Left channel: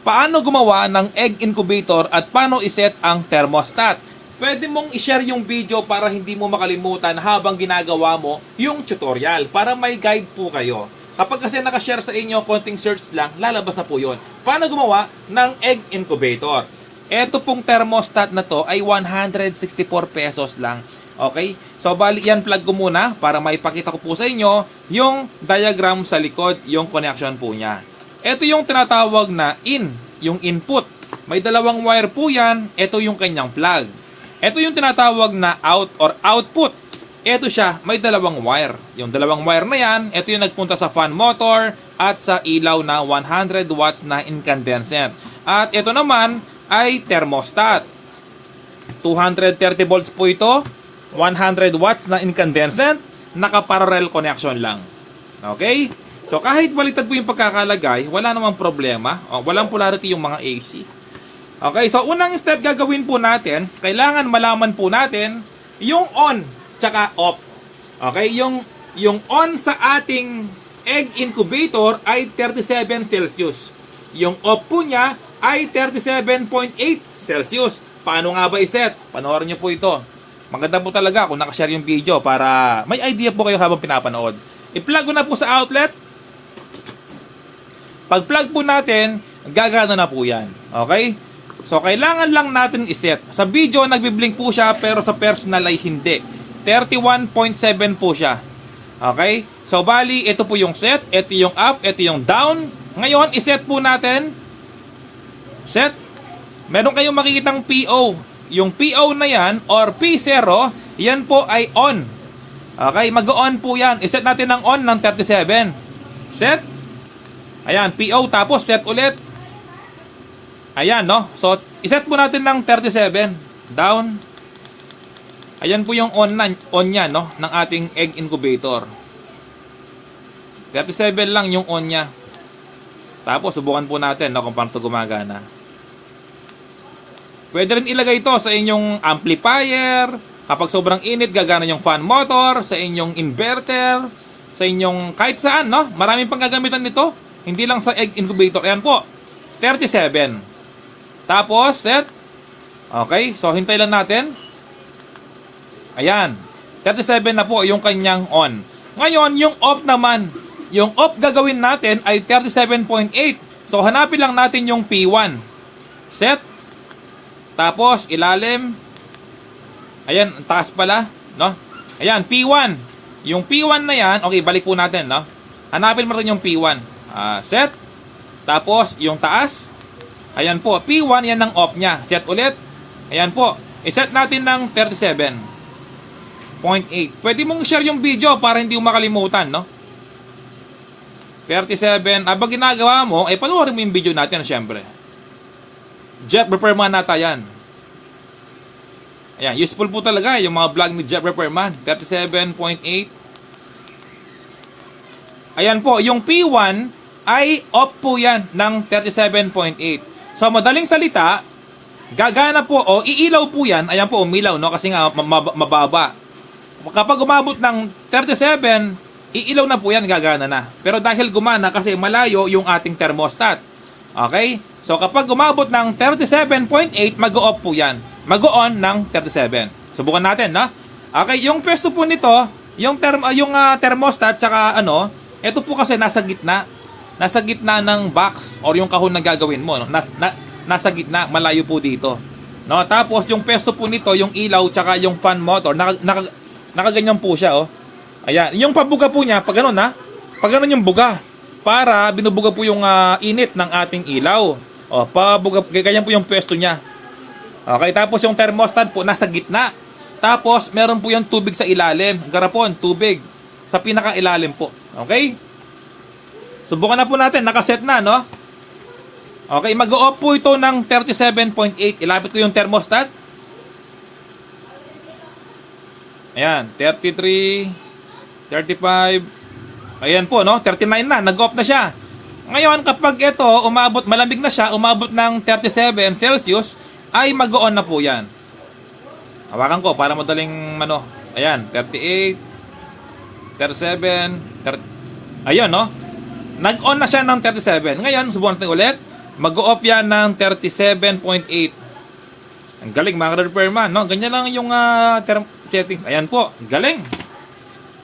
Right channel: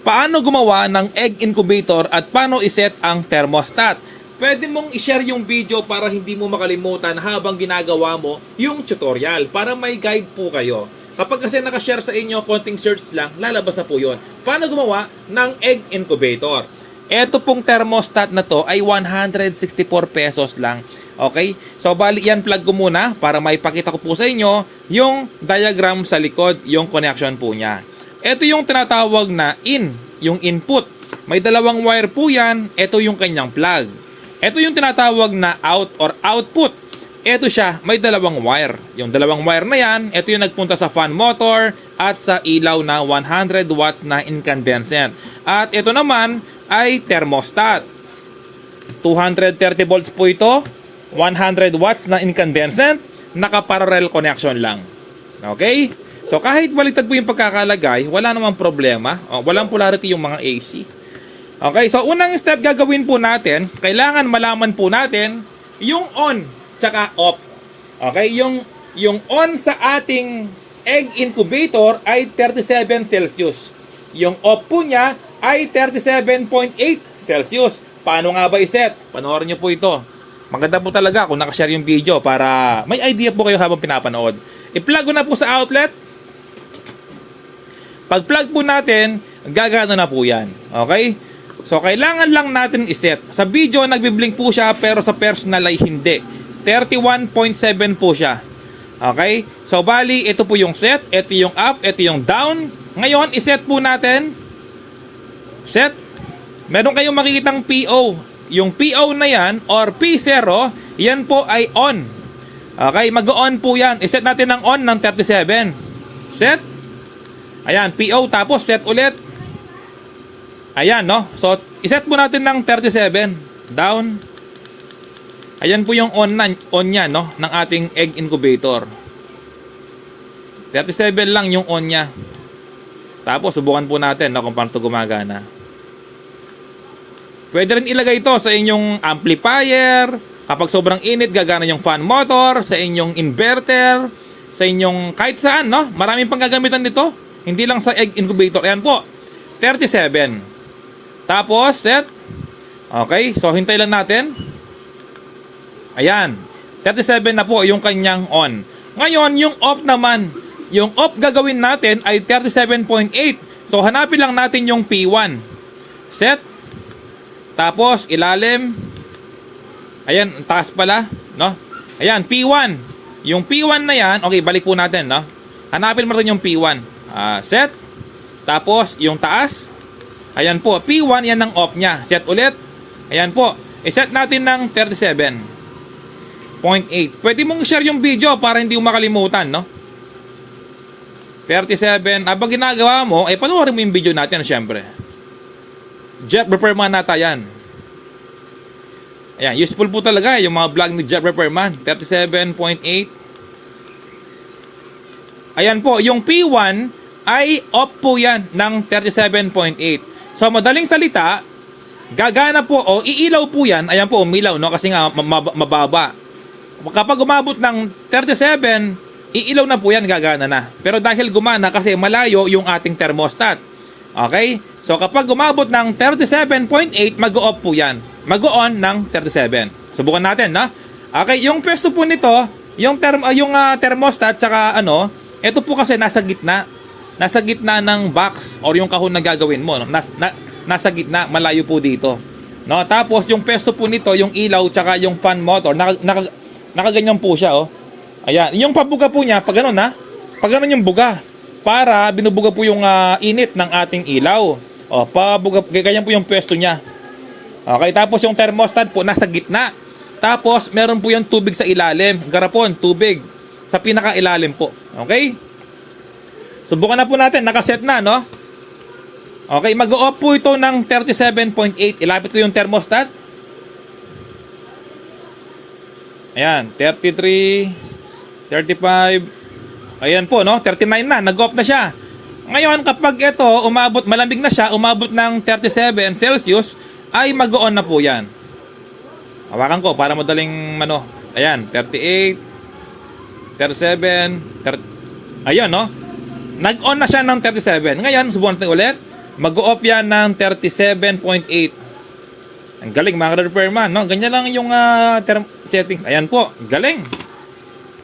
paano gumawa ng egg incubator at paano iset ang thermostat. Pwede mong i-share yung video para hindi mo makalimutan habang ginagawa mo yung tutorial para may guide po kayo. Kapag kasi nakashare sa inyo, konting search lang, lalabas na po yun. Paano gumawa ng egg incubator? Ito pong thermostat na to ay 164 pesos lang. Okay? So, bali yan, plug ko muna para maipakita ko po sa inyo yung diagram sa likod, yung connection po niya. Ito yung tinatawag na yung input. May dalawang wire po yan. Ito yung kanyang plug. Ito yung tinatawag na out or output. Ito siya, may dalawang wire. Yung dalawang wire na yan, ito yung nagpunta sa fan motor at sa ilaw na 100 watts na incandescent. At ito naman ay thermostat. 230 volts po ito, 100 watts na incandescent, naka-parallel connection lang. Okay? So kahit baliktad po yung pagkakalagay, wala namang problema. Walang polarity yung mga AC. Okay, so unang step gagawin po natin, kailangan malaman po natin yung on tsaka off. Okay, yung on sa ating egg incubator ay 37 Celsius. Yung off po niya ay 37.8 Celsius. Paano nga ba iset? Panoorin niyo po ito. Maganda po talaga kung nakashare yung video para may idea po kayo habang pinapanood. I-plug ko na po sa outlet. Pag-plug po natin, gagana na po yan. Okay? So, kailangan lang natin iset. Sa video, nagbiblink po siya, pero sa personal ay hindi. 31.7 po siya. Okay? So, bali, ito po yung set, ito yung up, ito yung down. Ngayon, iset po natin. Set. Meron kayong makikitang PO. Yung PO na yan, or P0, yan po ay on. Okay? Mag-on po yan. Iset natin ng on ng 37. Set. Ayan, PO, tapos set ulit. Ayan, no? So, iset po natin ng 37. Down. Ayan po yung on niya, no? Ng ating egg incubator. 37 lang yung on niya. Tapos, subukan po natin, no? Kung paano ito gumagana. Pwede rin ilagay ito sa inyong amplifier. Kapag sobrang init, gagana yung fan motor. Sa inyong inverter. Sa inyong kahit saan, no? Maraming pang gagamitan nito. Hindi lang sa egg incubator. Ayan po. 37. Tapos, set. Okay. So, hintay lang natin. Ayan. 37 na po yung kanyang on. Ngayon, yung off naman. Yung off gagawin natin ay 37.8. So, hanapin lang natin yung P1. Set. Tapos, ilalim. Ayan, taas pala. No? Ayan, P1. Yung P1 na yan, okay, balik po natin. No? Hanapin mo rin yung P1. Set. Tapos, yung taas. Ayan po, P1, yan ang off niya. Set ulit. Ayan po. I-set natin ng 37.8. Pwede mong share yung video para hindi mo makalimutan, no? 37. Abang ginagawa mo, panoorin mo yung video natin, syempre. Jet Repairman nata yan. Ayan, useful po talaga yung mga vlog ni Jet Repairman. 37.8. Ayan po, yung P1 ay off po yan ng 37.8. So, madaling salita, gagana po o iilaw po yan. Ayan po, umilaw, no? Kasi nga mababa. Kapag umabot ng 37, iilaw na po yan, gagana na. Pero dahil gumana kasi malayo yung ating thermostat. Okay? So, kapag umabot ng 37.8, mag-off po yan. Mag-on ng 37. Subukan natin, no? Okay, yung pwesto po nito, yung thermostat, tsaka ito po kasi nasa gitna. Nasa gitna ng box or yung kahon na gagawin mo. No? Nasa gitna, malayo po dito. No? Tapos yung pesto po nito, yung ilaw tsaka yung fan motor, nakaganyan po siya. Oh. Ayan. Yung pabuga po niya, pag ganun ha, pag ganun yung buga, para binubuga po yung init ng ating ilaw. O, pabuga, ganyan po yung pesto niya. Okay, tapos yung thermostat po nasa gitna. Tapos meron po yung tubig sa ilalim. Garapon, tubig. Sa pinaka-ilalim po. Okay? Subukan na po natin, nakaset na, no? Okay, mag-off po ito ng 37.8. Ilapit ko yung thermostat. Ayan, 33, 35. Ayan po, no? 39 na, nag-off na siya. Ngayon, kapag ito, malamig na siya, umabot ng 37 Celsius, ay mag-on na po yan. Hawakan ko para madaling, ayan, 38, 37, 30. Ayun, no? Nag-on na siya ng 37. Ngayon, subukan natin ulit. Mag-off yan ng 37.8. Ang galing mga repairman, no? Ganyan lang yung settings. Ayan po, galing.